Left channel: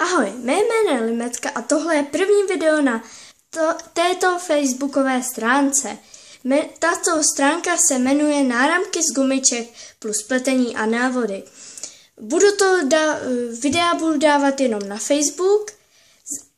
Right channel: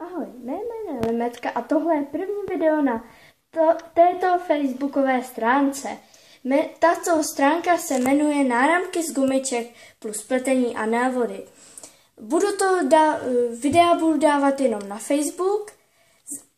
Ahoj, mé jméno je Limetka a tohle je první video na této facebookové stránce. Tato stránka se jmenuje Náramky z gumiček plus pletení a návody. Videa budu dávat jenom na Facebook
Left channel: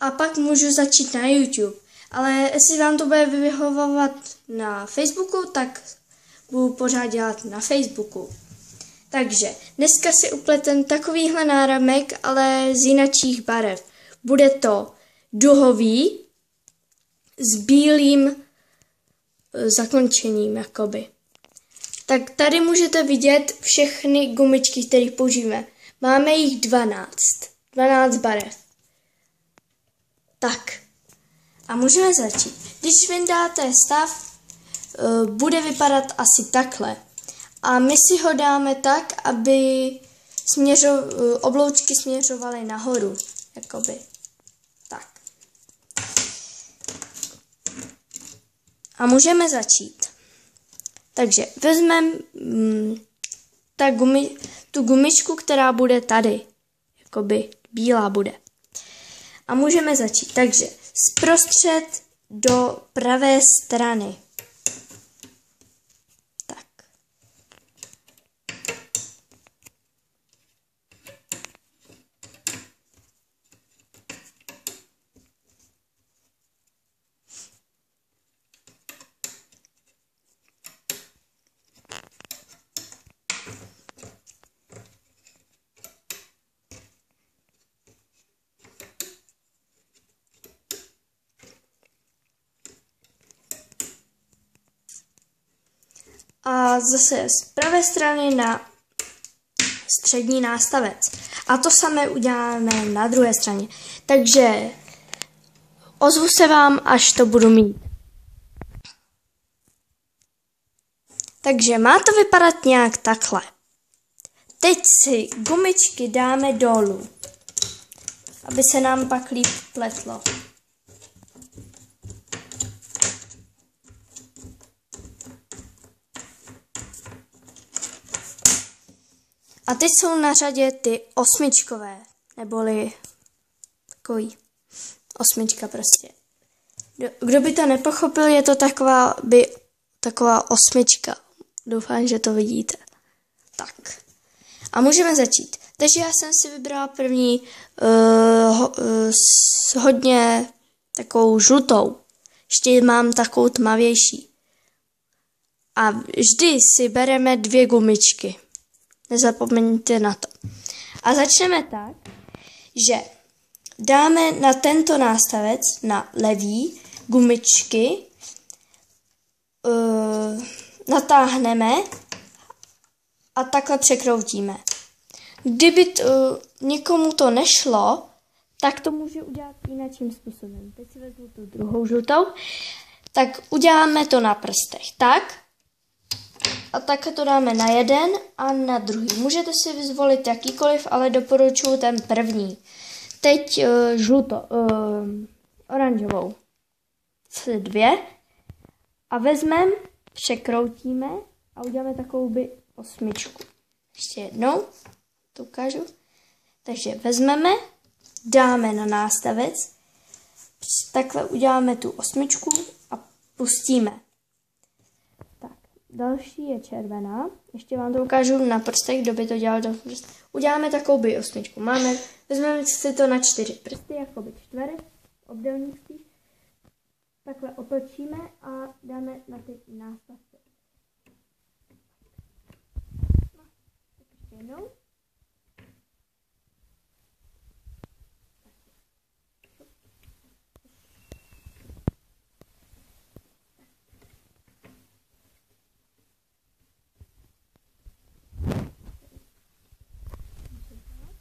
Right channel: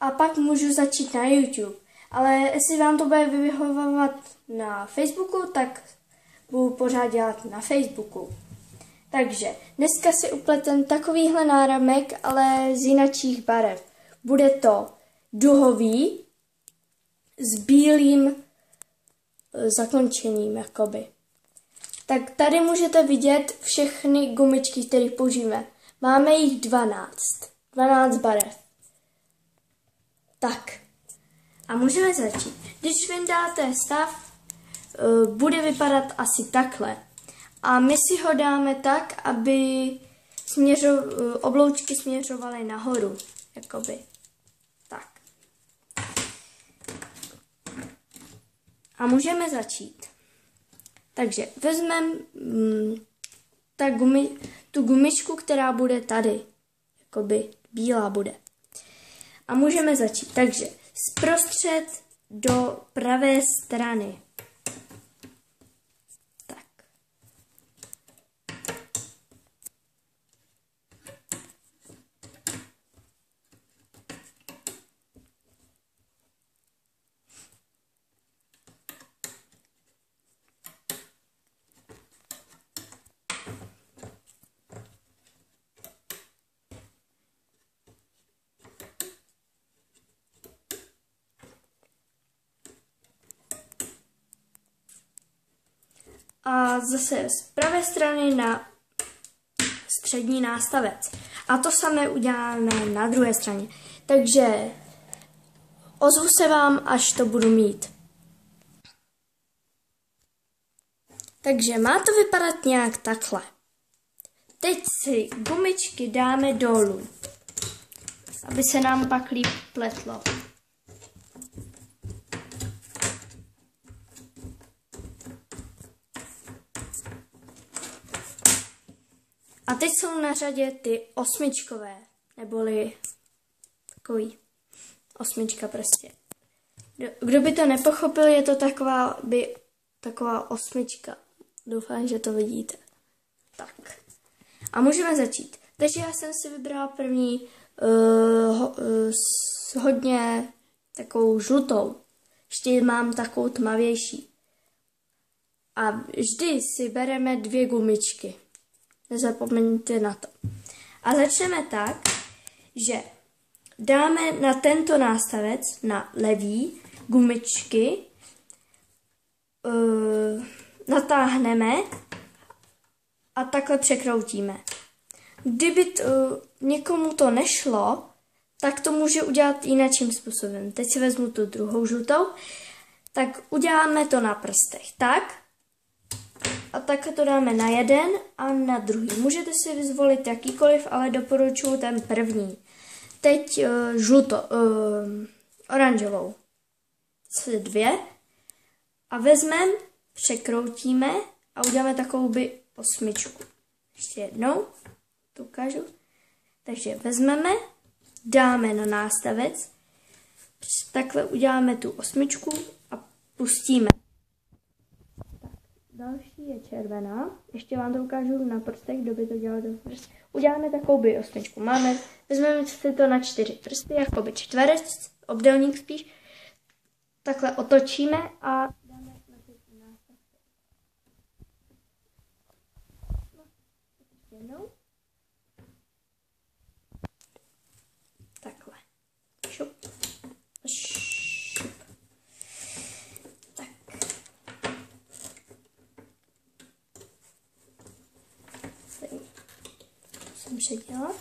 a pak můžu začít na YouTube. Ale jestli vám to bude vyhovovat na Facebooku, tak budu pořád dělat na Facebooku. Takže dneska si upletem takovýhle náramek, ale z jinačích barev. Bude to duhový s bílým zakončením, jakoby. Tak tady můžete vidět všechny gumičky, které použijeme. Máme jich 12 barev. Tak. A můžeme začít. Když vyndáte stav, bude vypadat asi takhle. A my si ho dáme tak, aby obloučky směřovaly nahoru. Jakoby. Tak. A můžeme začít. Takže vezmeme tu gumičku, která bude tady. Jakoby bílá bude. A můžeme začít. Takže zprostřed do pravé strany. A zase z pravé strany na střední nástavec. A to samé uděláme na druhé straně. Takže ozvu se vám, až to budu mít. Takže má to vypadat nějak takhle. Teď si gumičky dáme dolů, aby se nám pak líp pletlo. A teď jsou na řadě ty osmičkové, neboli takový osmička prostě. Kdo by to nepochopil, je to taková osmička. Doufám, že to vidíte. Tak. A můžeme začít. Takže já jsem si vybrala první hodně takovou žlutou. Ještě mám takovou tmavější. A vždy si bereme 2 gumičky. Nezapomeňte na to. A začneme tak, že dáme na tento nástavec, na levý, gumičky, natáhneme a takhle překroutíme. Kdyby někomu to nešlo, tak to může udělat jiným způsobem. Teď si vezmu tu druhou žlutou, tak uděláme to na prstech. Tak. A tak to dáme na jeden a na druhý. Můžete si vyzvolit jakýkoliv, ale doporučuji ten první. Teď oranžovou. 2. A vezmeme, překroutíme a uděláme takovou osmičku. Ještě jednou. To ukážu. Takže vezmeme, dáme na nástavec, takhle uděláme tu osmičku a pustíme. Další je červená. Ještě vám to ukážu na prstech, kdo by to dělal do prstů. Uděláme takovou osmičku. Vezmeme si to na 4 prsty, jakoby čtverec, obdélník spíš. Takhle otočíme a dáme na ty nástavce. No, ještě jednou. Takhle. Šup. Předělat.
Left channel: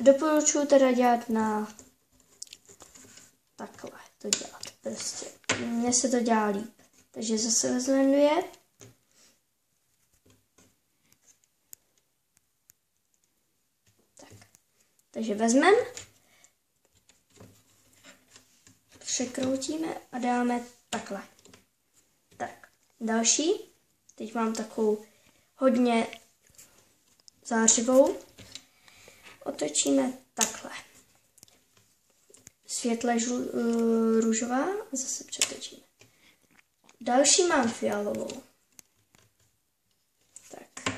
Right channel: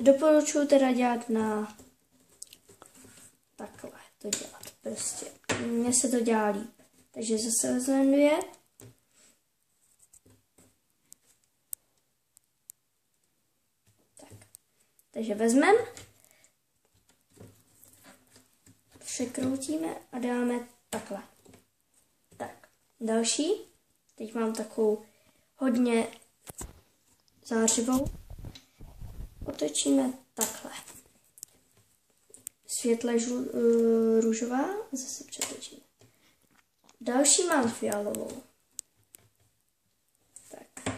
Doporučuji teda dělat na takhle to dělat. Prostě mně se to dělá líp. Takže zase vezmeme 2. Tak. Takže vezmeme, překroutíme a dáme takhle. Tak. Další. Teď mám takovou hodně zářivou. otočíme takhle. Světle růžová a zase přetočíme. Další mám fialovou. Tak.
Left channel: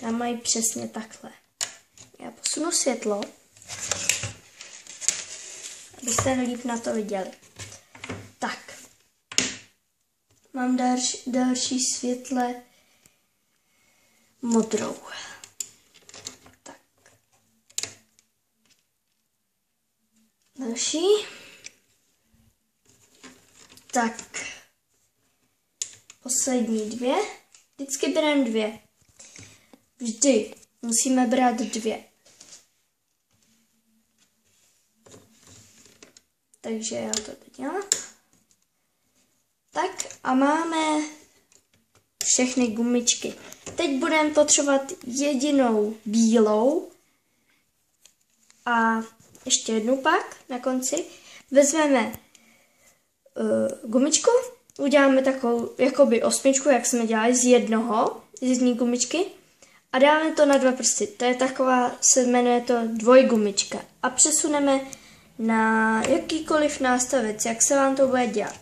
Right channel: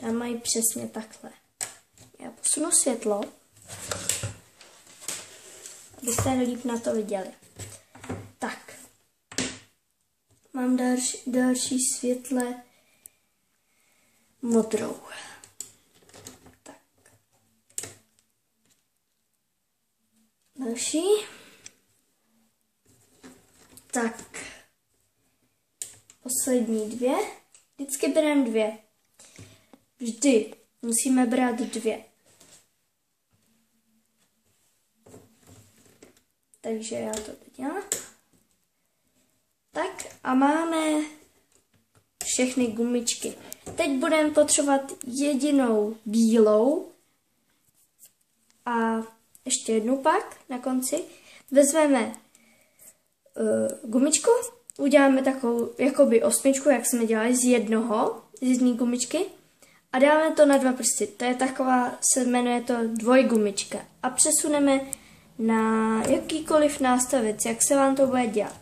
Tam mají přesně takhle. Já posunu světlo, abyste líp na to viděli. Tak. Mám další světle modrou. Tak. Další. Tak. Poslední 2. Vždycky bereme 2. Vždy musíme brát 2. Takže já to teď dělám. Tak a máme všechny gumičky. Teď budeme potřebovat jedinou bílou a ještě jednu pak na konci. Vezmeme gumičku, uděláme takovou jakoby 8, jak jsme dělali z jedné gumičky a dáme to na 2 prsty. To je taková, se jmenuje to dvojgumička a přesuneme na jakýkoliv nástavec, jak se vám to bude dělat.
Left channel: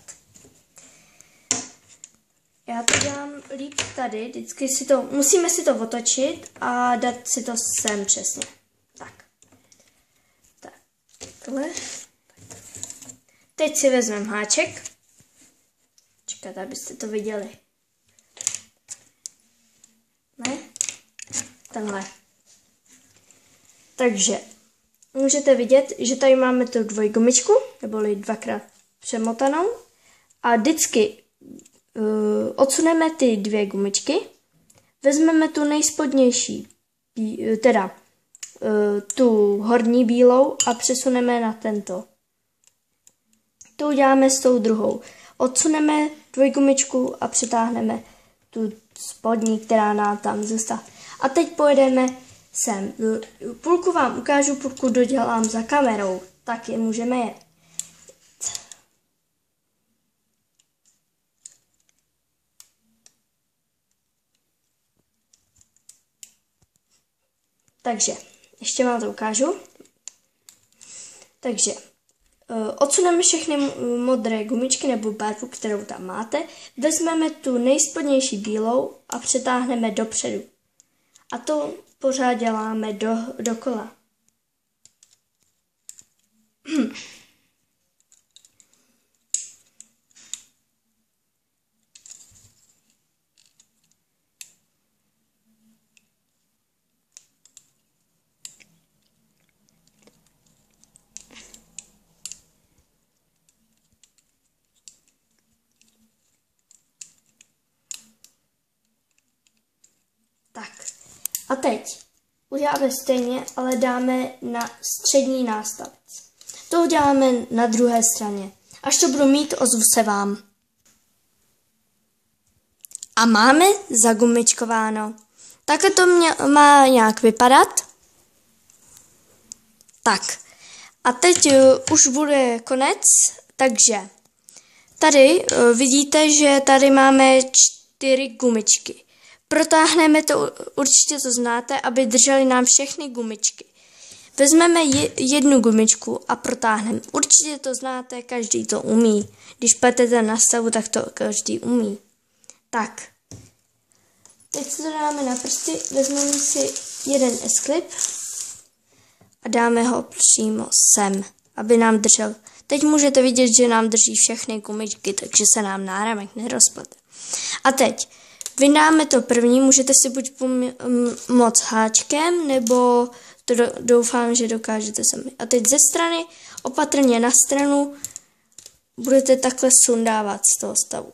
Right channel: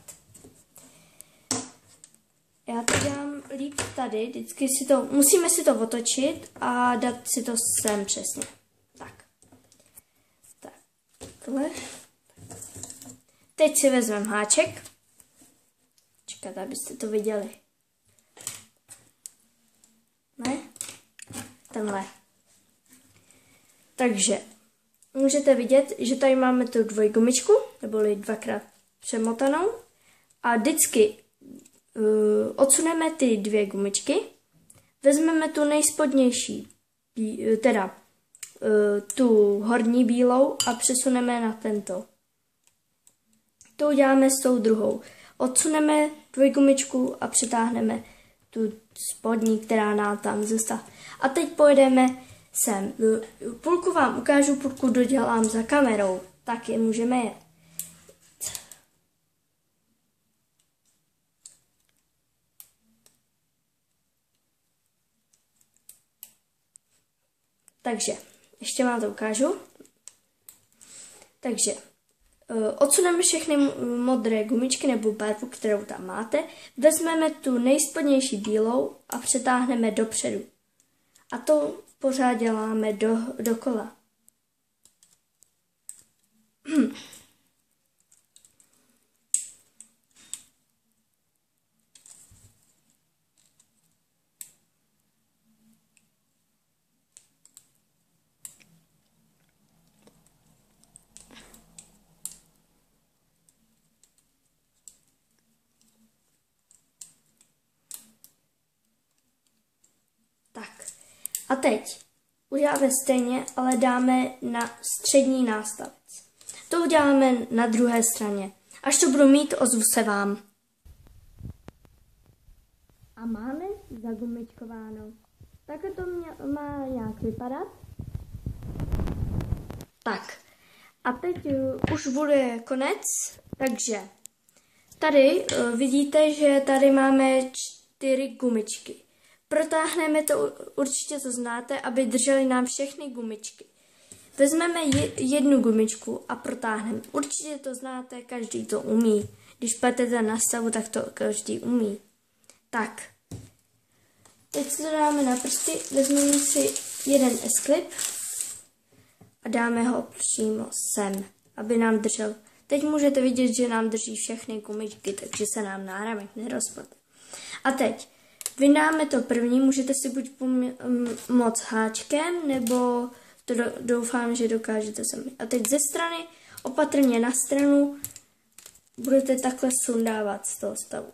Já to dělám líp tady, vždycky musíme si to otočit a dát si to sem přesně. Tak. Takhle. Teď si vezmeme háček. Čekat, abyste to viděli. Ne? Tenhle. Takže můžete vidět, že tady máme tu dvojgumičku, neboli 2krát přemotanou. A vždycky odsuneme ty 2 gumičky, vezmeme tu nejspodnější, teda tu horní bílou a přesuneme na tento. To uděláme s tou druhou. Odsuneme dvojgumičku a přitáhneme tu spodní, která nám tam zůstala. A teď pojedeme sem. Půlku vám ukážu, půlku dodělám za kamerou. Tak je můžeme jet. Takže, ještě vám to ukážu. Takže, odsuneme všechny modré gumičky nebo barvu, kterou tam máte. Vezmeme tu nejspodnější bílou a přetáhneme dopředu. A to pořád děláme dokola. Tak. A teď uděláme stejně, ale dáme na střední nástavec. To uděláme na druhé straně. Až to budu mít, ozvu se vám. A máme zagumičkováno. Takhle to má nějak vypadat. Tak. A teď už bude konec, takže tady vidíte, že tady máme 4 gumičky. Protáhneme to, určitě to znáte, aby drželi nám všechny gumičky. Vezmeme jednu gumičku a protáhneme. Určitě to znáte, každý to umí. Když pletete na stavu, tak to každý umí. Tak. Teď si to dáme na prsty, vezmeme si jeden S-clip a dáme ho přímo sem, aby nám držel. Teď můžete vidět, že nám drží všechny gumičky, takže se nám náramek nerozplete. A teď vyndáme to první, můžete si buď pomoct háčkem, nebo to doufám, že dokážete sami. A teď ze strany, opatrně na stranu, budete takhle sundávat z toho stavu.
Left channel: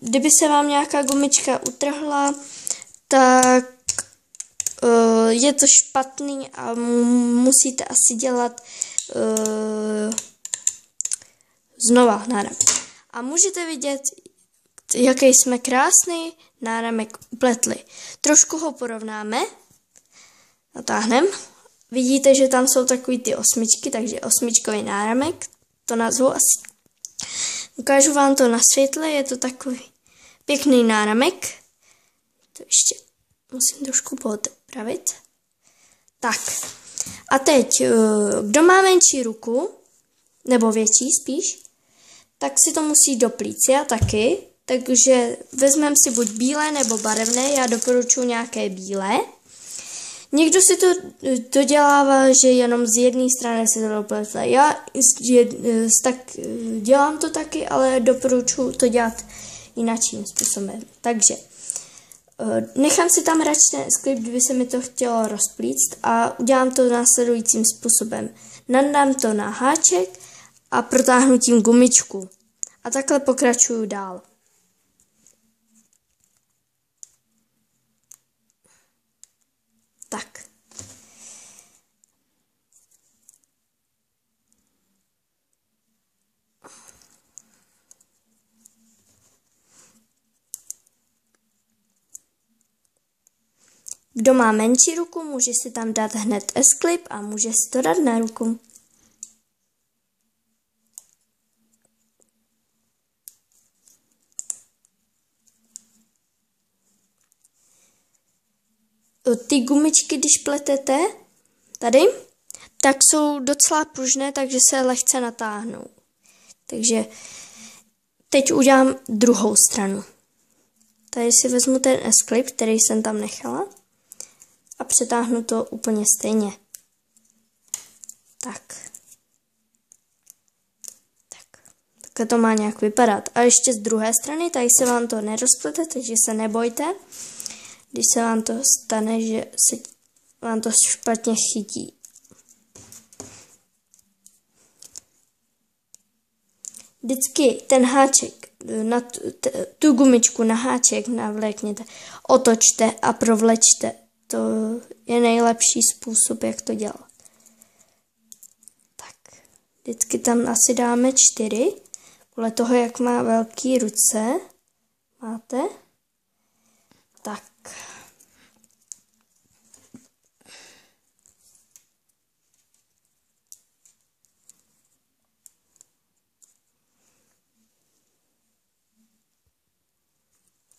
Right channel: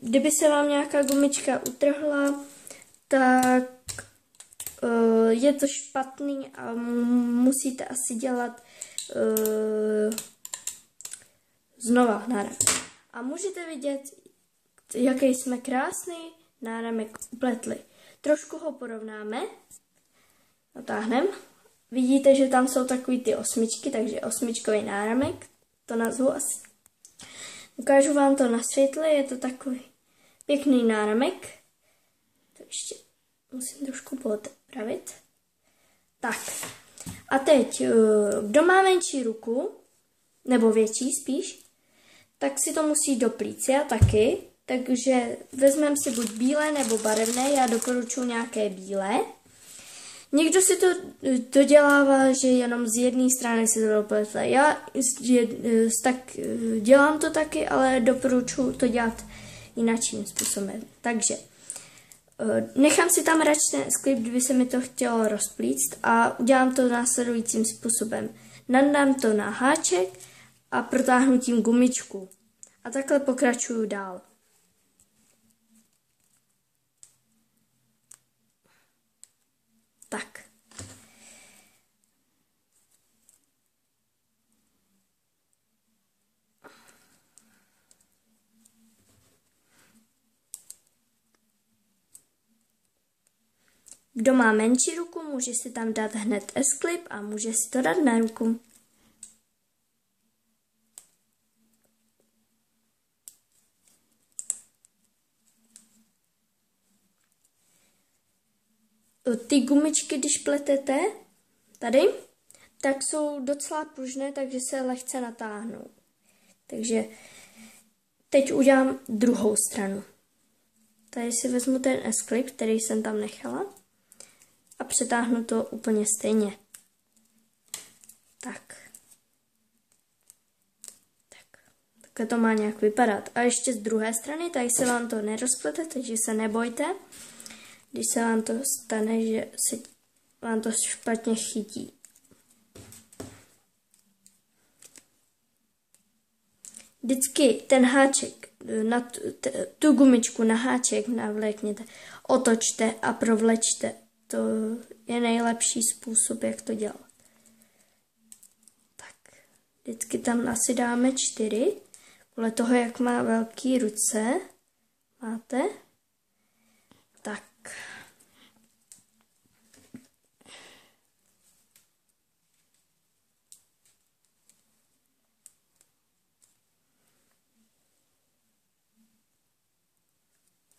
Kdyby se vám nějaká gumička utrhla, tak je to špatný a musíte asi dělat znova náramek. A můžete vidět, jaký jsme krásný náramek upletli. Trošku ho porovnáme. Natáhneme. Vidíte, že tam jsou takový ty 8, takže 8čkový náramek. To nazvu asi. Ukážu vám to na světle, je to takový pěkný náramek. To ještě musím trošku poopravit. Tak. A teď, kdo má menší ruku, nebo větší spíš, tak si to musí doplít. Já taky, takže vezmeme si buď bílé nebo barevné, já doporučuji nějaké bílé. Někdo si to dodělává, že jenom z jedné strany se to doplete. Já tak dělám to taky, ale doporučuji to dělat jinakým způsobem. Takže nechám si tam radši ten S-klip, kdyby se mi to chtělo rozplíct a udělám to následujícím způsobem. Nandám to na háček a protáhnu tím gumičku. A takhle pokračuju dál. Tak. Kdo má menší ruku, může si tam dát hned S-klip a může si to dát na ruku. Ty gumičky, když pletete tady, tak jsou docela pružné, takže se lehce natáhnou. Takže teď udělám druhou stranu. Tady si vezmu ten S-klip, který jsem tam nechala a přetáhnu to úplně stejně. Tak. Takhle to má nějak vypadat. A ještě z druhé strany, tady se vám to nerozplete, takže se nebojte. Když se vám to stane, že se vám to špatně chytí. Vždycky ten háček, na tu gumičku na háček navlékněte, otočte a provlečte. To je nejlepší způsob, jak to dělat. Tak, vždycky tam asi dáme 4, podle toho, jak má velké ruce. Máte? Tak.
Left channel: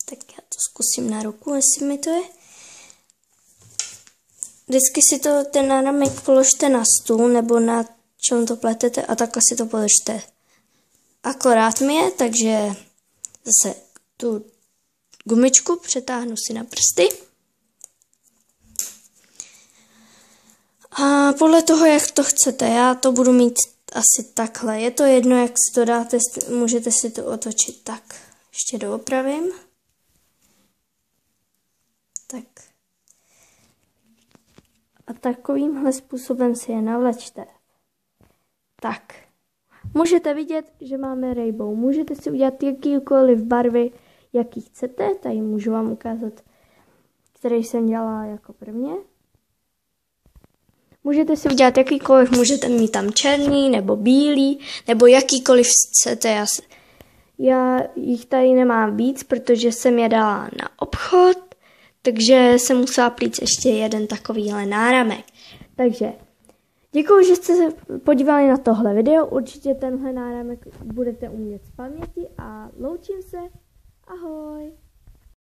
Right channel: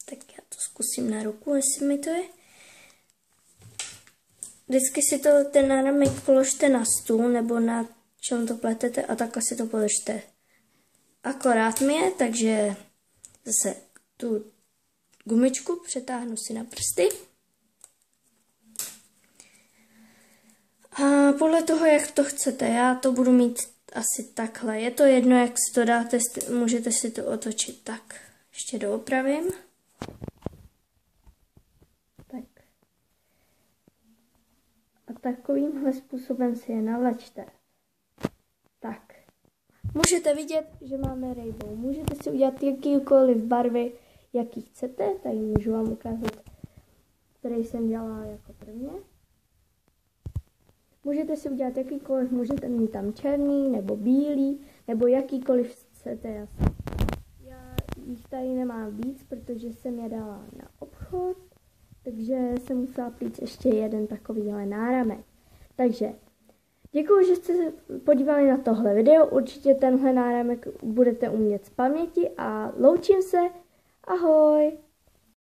Tak já to zkusím na ruku, jestli mi to je. Vždycky si to ten náramek položte na stůl nebo na čem to pletete a takhle si to položte. Akorát mi je, takže zase tu gumičku přetáhnu si na prsty. A podle toho, jak to chcete, já to budu mít asi takhle. Je to jedno, jak si to dáte, můžete si to otočit tak. Ještě doopravím. Tak. A takovýmhle způsobem si je navlečte. Tak. Můžete vidět, že máme rainbow. Můžete si udělat jakýkoliv barvy, jaký chcete. Tady můžu vám ukázat, který jsem dělala jako prvně. Můžete si udělat jakýkoliv, můžete mít tam černý nebo bílý, nebo jakýkoliv chcete. Já jich tady nemám víc, protože jsem je dala na obchod, takže jsem musela plít ještě jeden takovýhle náramek. Takže děkuji, že jste se podívali na tohle video. Určitě tenhle náramek budete umět z paměti a loučím se. Ahoj!